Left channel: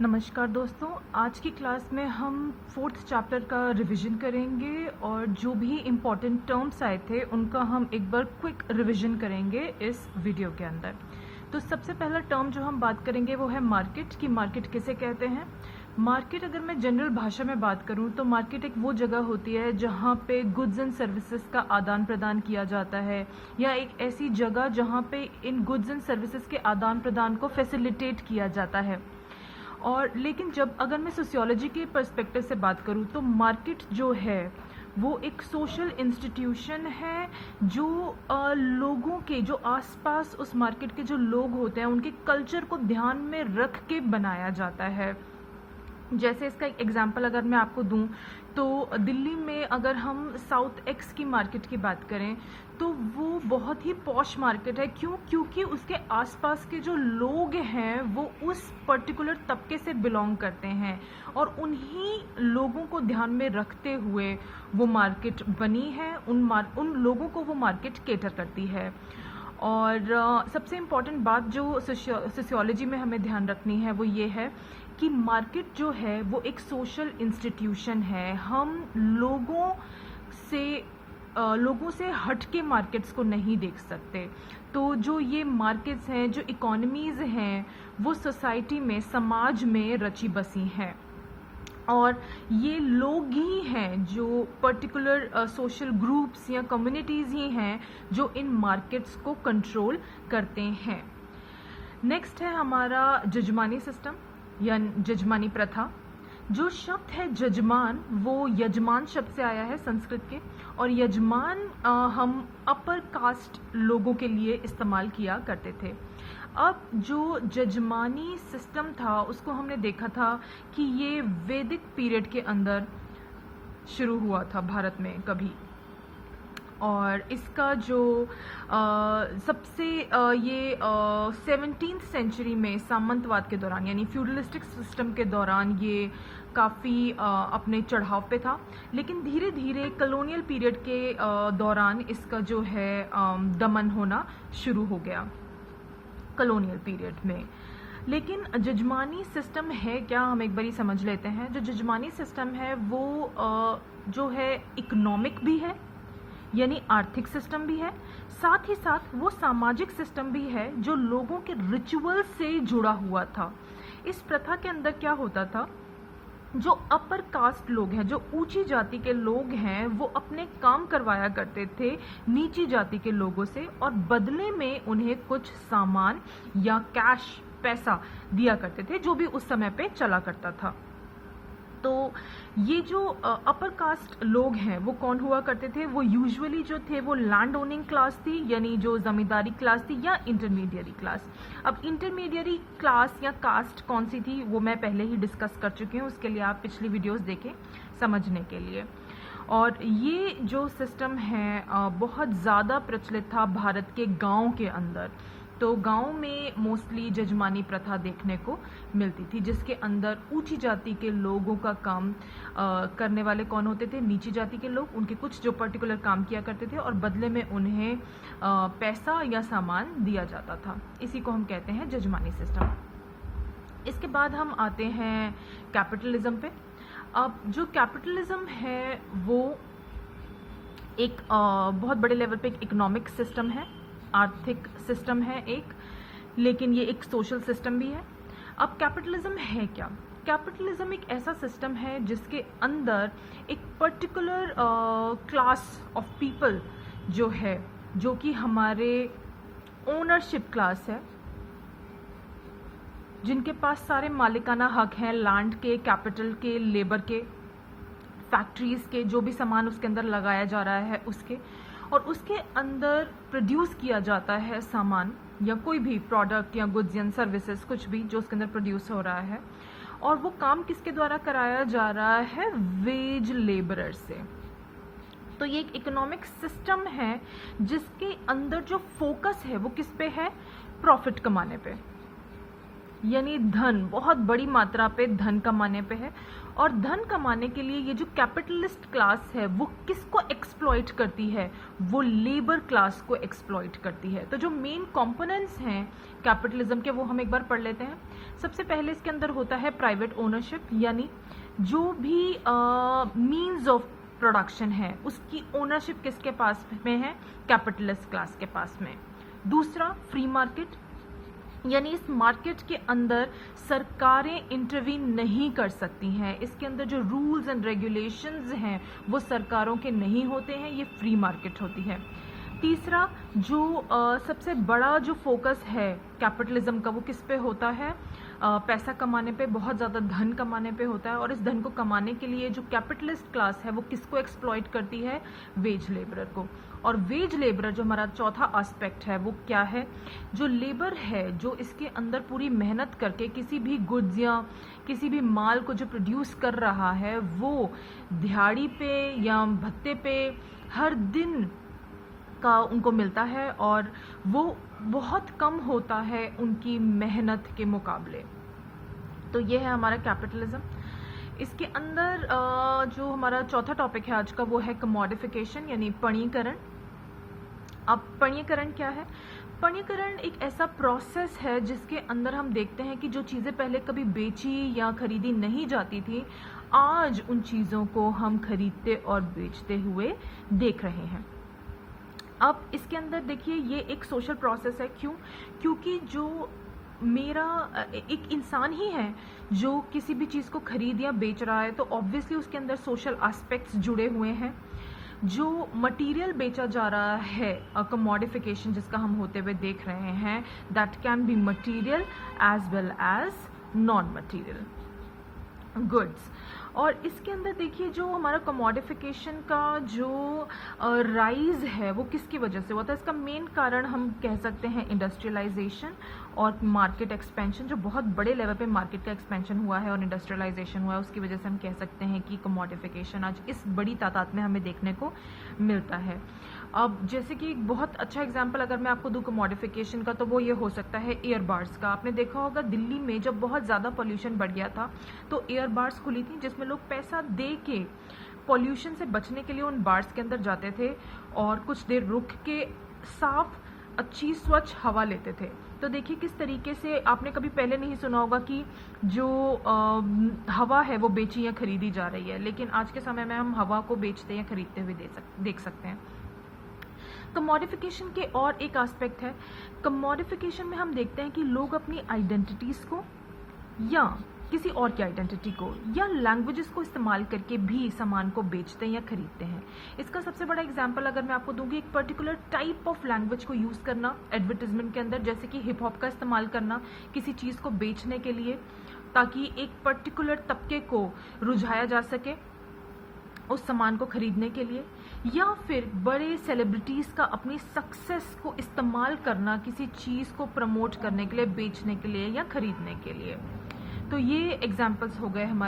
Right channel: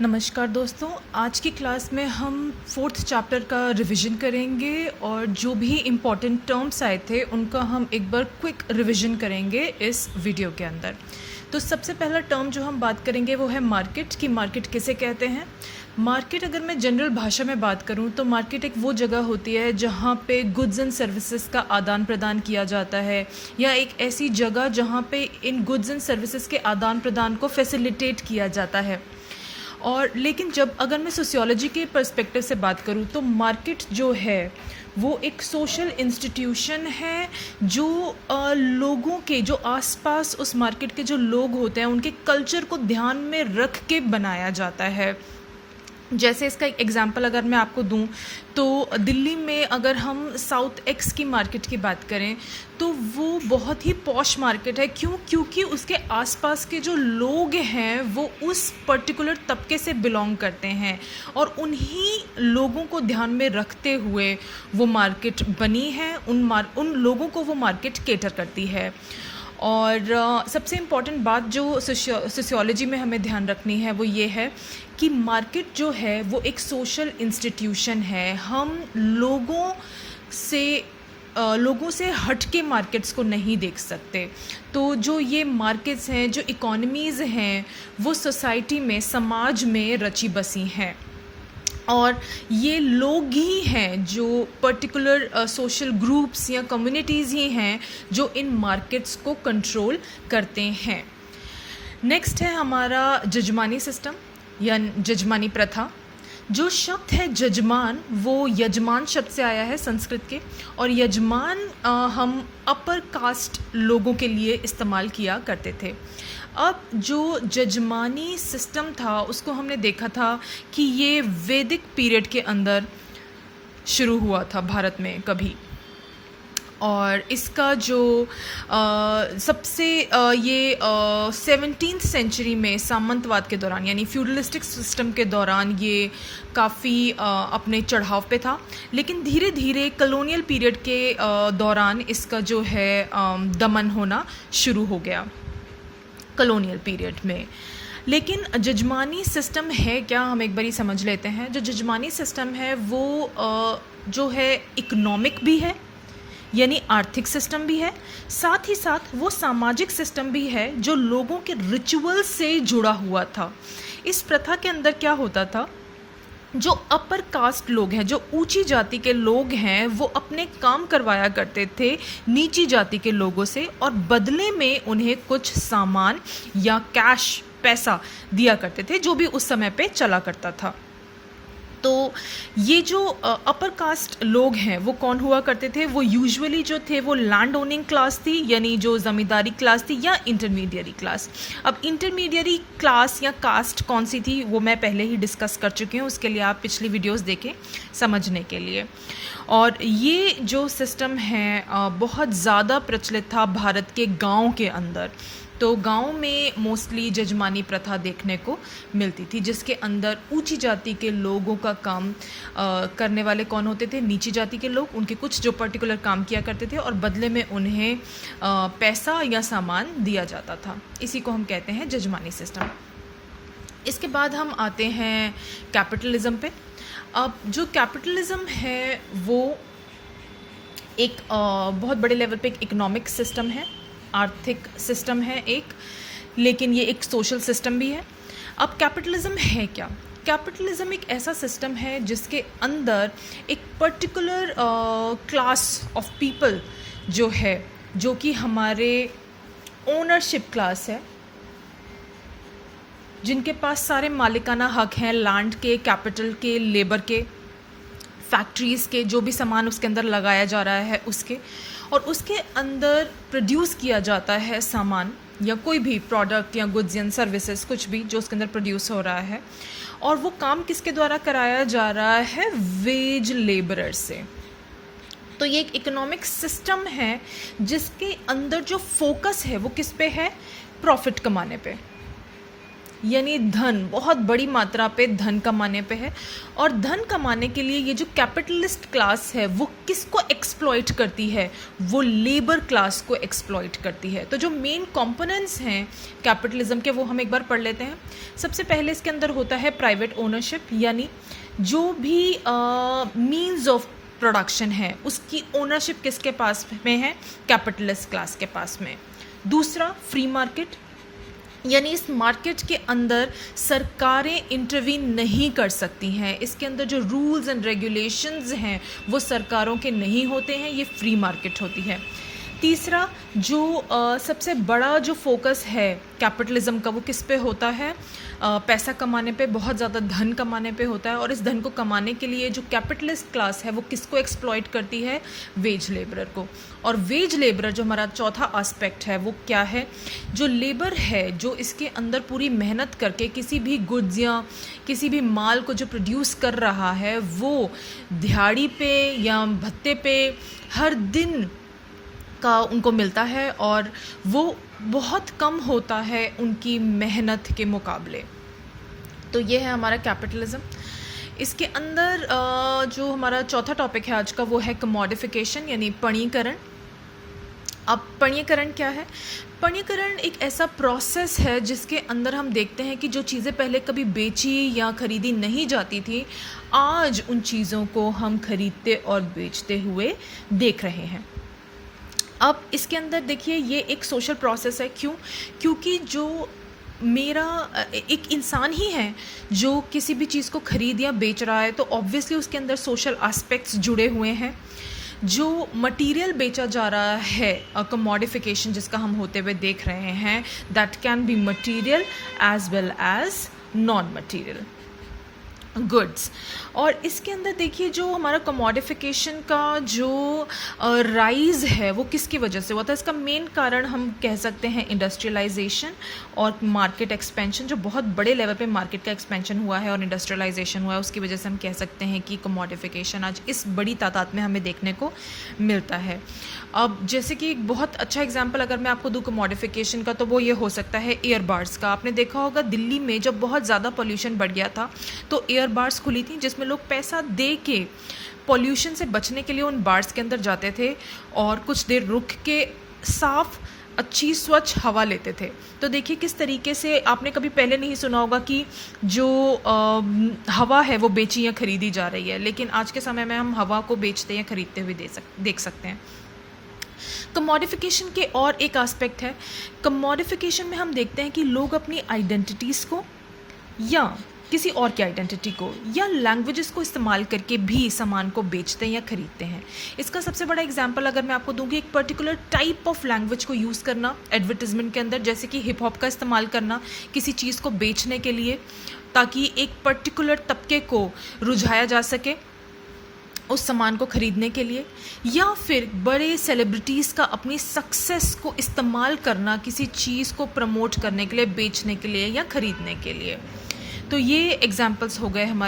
नमस्कार दोस्तों, आज की क्लास में हम फोर्थ चैप्टर का रिवीजन करेंगे और जो भी इम्पॉर्टेंट टर्म्स आए थे उनका हम एक बार क्विक रिवीजन करेंगे इस वीडियो के अंदर। तो सबसे पहला टर्म जो हम बात करेंगे वो है मार्केट, कि मार्केट किसे कहते हैं। मार्केट अगर मैं जनरल भाषा में बात करूं तो मार्केट एक वो जगह होती है जहां पे गुड्स एंड सर्विसेज का आदान प्रदान किया जाता है, या एक ऐसी जगह जहां पे इन गुड्स एंड सर्विसेज के आदान प्रदान को फैसिलिटेट किया जाता है। और लेकिन जब अगर मैं सोशियोलॉजी के पर्सपेक्टिव से बात करूँ तो मार्केट जो है वो एक सोशल इंस्टीट्यूशन है जो लोगों के जो आसपास उस मार्केट के जो लोग होते हैं उनके कल्चर को ध्यान में रख के बनाया जाता है। जैसे इसका एक एग्जांपल अगर मैं आपको दूं तो दिल्ली में अगर हम साउथ एक्स की मार्केट की बात करें तो वो बहुत ही पॉश मार्केट है। क्योंकि उसके आसपास के जो लोग हैं वो उस पर्टिकुलर तबके से बिलोंग करते हैं और उन्हीं लोगों को ध्यान में रखते हुए वो मार्केट बनी है। उन लोगों को वो मार्केट केटर करती है। और सबसे इम्पॉर्टेंट बात जो सोशियोलॉजी में हमें ध्यान रखनी है वो ये है कि मार्केट जो है वो एक सोशल इंस्टीट्यूशन है। हम लोगों से हट के मार्केट्स को नहीं देख सकते। तो जो ये मार्केट्स हैं, जो इकोनॉमीज़ हैं, वो सोसाइटी में, समाज में रची बसी हैं और ये लोग ही हैं जो पर्टिकुलर सोशल ग्रुप्स या कम्युनिटीज़ ही हैं जो इन मार्केट्स को कंट्रोल करते हैं। नेक्स्ट है हमारा जजमानी सिस्टम या जजमानी प्रथा। जो शब्द है जजमान वो यजमान शब्द से आया है संस्कृत के, और यजमान हम अपर कास्ट लोगों के लिए इस्तेमाल किया करते थे। अब जो जजमानी सिस्टम था उसको हमने देखा था कि ये वैदिक पीरियड के अंदर शुरू हुआ था भारत में कभी, और इसका जो सबसे ये 17th सेंचुरी में सामंतवाद के दौरान यानी फ्यूडलिस्टिक सिस्टम के दौरान ये काफ़ी अपने चढ़ाव पे था। लेकिन धीरे धीरे कॉलोनियल पीरियड के दौरान इसका जो है दमन होना शुरू हो गया कॉलोनियल पीरियड में। लेकिन जजमानी सिस्टम है क्या, हम एक बारी समझ लेते हैं। जो जजमानी सिस्टम है वो जो है इकोनॉमिक भी है यानी आर्थिक सिस्टम भी है, साथ ही साथ वो सामाजिक सिस्टम भी है जो लोगों के रिचुअल से जुड़ा हुआ था। इस प्रथा के अंदर क्या होता था, जो अपर कास्ट लोग हैं, जो ऊंची जाति के लोग हैं, वो अपने काम करवाया करते थे नीची जाति के लोगों से और बदले में उन्हें कुछ सामान या कैश पैसा दिया करते थे जो भी उस समय पे चला करता था। तो ये जो अपर कास्ट लोग हैं वो कौन हुआ करते थे, वो यूजुअली जो थे वो लैंड ओनिंग क्लास थी यानी जो ज़मींदारी क्लास थी, या इंटरमीडियरी क्लास। अब इंटरमीडियरी क्लास या कास्ट कौन सी थी वो मैं पहले ही डिस्कस कर चुकी हूँ, उसके लिए आप पिछली वीडियोस देखें समझने के लिए। और ये जो सिस्टम है बहुत ज़्यादा प्रचलित था भारत के गाँव के अंदर। तो गांव में मोस्टली जजमानी प्रथा देखने को मिलती थी जिसके अंदर ऊंची जाति के लोगों का काम करने वाले कौन होते थे, नीची जाति के लोग, उनके कुछ जो पर्टिकुलर काम किया करते थे और बदले में उन्हें पैसा या सामान दिया जाता था। इसी को हम कहते हैं जजमानी सिस्टम। इसके बाद हम आते हैं कैपिटलिज्म पे। अब जो कैपिटलिज्म है वो एक बहुत बड़े लेवल पे एक इकोनॉमिक सिस्टम है, आर्थिक सिस्टम है एक, लेकिन ये एक सोशल सिस्टम भी है। अब कैपिटलिज्म है क्या? कैपिटलिज्म एक ऐसा सिस्टम है जिसके अंदर एक पर्टिकुलर क्लास ऑफ पीपल जो है, जो कि हमारे ओनरशिप क्लास है, जिनके पास सारे मालिकाना हक हैं लैंड के, कैपिटल के, लेबर के, फैक्ट्रीज़ के, जो भी सामान उसके अंदर लगाया जा रहा है उसके, और उसके अंदर प्रोड्यूस किया जाता है सामान या कोई भी प्रोडक्ट या गुड्स या सर्विसेज, कुछ भी जो उसके अंदर प्रोड्यूस हो रहा है, और वो काम किसके द्वारा कराया जा रहा है, वेज लेबरर से। तो ये एक इकोनॉमिक सिस्टम है जिसके अंदर जो फोकस है वो किस पे है, प्रॉफिट कमाने पे। यानी धन, बहुत बड़ी मात्रा पे धन कमाने पे है। और धन कमाने के लिए ये जो कैपिटलिस्ट क्लास है वो किसको एक्सप्लॉइट करती है? वो लेबर क्लास को एक्सप्लॉइट करती है। तो जो मेन कंपोनेंट्स हैं कैपिटलिज्म के वो हम एक बार पढ़ लेते हैं। सबसे पहले इसके अंदर होता है प्राइवेट ओनरशिप, यानी जो भी मीन्स ऑफ प्रोडक्शन है उसकी ओनरशिप किसके पास में है? कैपिटलिस्ट क्लास के पास में। दूसरा फ्री मार्केट, यानी इस मार्केट के अंदर सरकारें इंटरवीन नहीं कर सकती हैं, इसके अंदर जो रूल्स एंड रेगुलेशंस हैं वो सरकारों के नहीं होते हैं, ये फ्री मार्केट होती है। तीसरा जो सबसे बड़ा जो फोकस है कैपिटलिज्म का वो किस पे होता है? पैसा कमाने पे, बहुत ज़्यादा धन कमाने पे होता है। और इस धन को कमाने के लिए जो कैपिटलिस्ट क्लास है वो किसको एक्सप्लॉइट करती है? वेज लेबरर को। और वेज लेबरर जो हमारा चौथा एस्पेक्ट है वो क्या है? जो लेबर है जो इसके अंदर पूरी मेहनत करके किसी भी गुड्स या किसी भी माल को जो प्रोड्यूस कर रहा है वो दिहाड़ी पे या भत्ते पे हर दिन का उनको मिलता है और वो बहुत कम होता है उनकी मेहनत के मुकाबले। तो ये है हमारा कैपिटलिज्म। इसके अंदर जो हमारा चौथा टॉपिक है आज का वो है कमोडिफिकेशन, यानी पणीकरण। अब पणीकरण क्या है? पणीकरण एक ऐसा प्रोसेस है जिसके अंदर हम देखते हैं कि जो चीज़ें पहले कभी बेची या खरीदी नहीं जाती थी, आज उन चीज़ों को हम खरीदते और बेचते हुए देख रहे हैं। अब इसके अंदर देखिए ये एक सोशल प्रोसेस है। क्यों? क्योंकि जो मेरा एक इंसान ही है जो किसी भी चीज़ को खरीद या बेच रहा है, तो ऑब्वियसली उसके अंदर सोशल एस्पेक्ट्स जुड़े हुए हैं। जो मटेरियल बेचा जा रहा है, कमोडिफिकेशन जिसका हम होते हुए देख रहे हैं, that can be material as well as non material goods. और इसके अंदर देखिए जो हमारा कमोडिफिकेशन का जो राइज़ है वो किसकी वजह से हुआ था? इसका मेन कारण हम कह सकते हैं इंडस्ट्रियलाइजेशन और मार्केट एक्सपेंशन। जो बहुत बड़े लेवल पे मार्केट का एक्सपेंशन हुआ है और इंडस्ट्रियलाइजेशन हुआ है, उसकी वजह से हम कह सकते हैं कि कमोडिफिकेशन आज इस बड़ी तादाद में हमें देखने को मिलता है। अब जैसे कि एक बहुत अच्छा एग्जांपल अगर मैं आपको दूँ कमोडिफिकेशन का, तो वो ये हो सकता है एयर बार्स का। आपने देखा होगा दिल्ली में जब बहुत ज़्यादा पॉल्यूशन बढ़ गया था तो एयर बार्स खुली थी जिसमें लोग पैसा दे के पॉल्यूशन से बचने के लिए उन बार्स के अंदर जाते थे और कुछ देर रुक के साफ अच्छी स्वच्छ हवा लेते थे। तो देखिए किस तरीके से आपने कभी पहले नहीं सुना होगा कि जो हवा है वो बेची या खरीदी जा रही है, लेकिन आज के समय में हम हवा को बेचते या खरीदते हुए देख सकते हैं। कमोडिफिकेशन के और एक एस्पेक्ट है, कमोडिफिकेशन में हम देखते हैं कि लोग अपनी आइडेंटिटीज़ को या किसी और की आइडेंटिटी को या लैंग्वेजेस को इस्तेमाल करके भी सामान को बेचते हैं या खरीदते हैं। इसका सबसे बड़ा एग्जांपल अगर मैं आपको दूंगी, एक पर्टिकुलर टाइप ऑफ लैंग्वेज को यूज़ करना एडवर्टिजमेंट के अंदर, जैसे कि हिप हॉप का इस्तेमाल करना किसी चीज़ को बेचने के लिए, ताकि एक पर्टिकुलर तबके को रुझाया जा सके उस सामान को खरीदने के लिए। या फिर बड़े सेलिब्रिटीज़ का अपनी सक्सेस को इस्तेमाल करना किसी चीज़ को प्रमोट करने के लिए, बेचने के लिए या खरीदने के लिए। तो ये एग्जांपल्स हो गए हमारे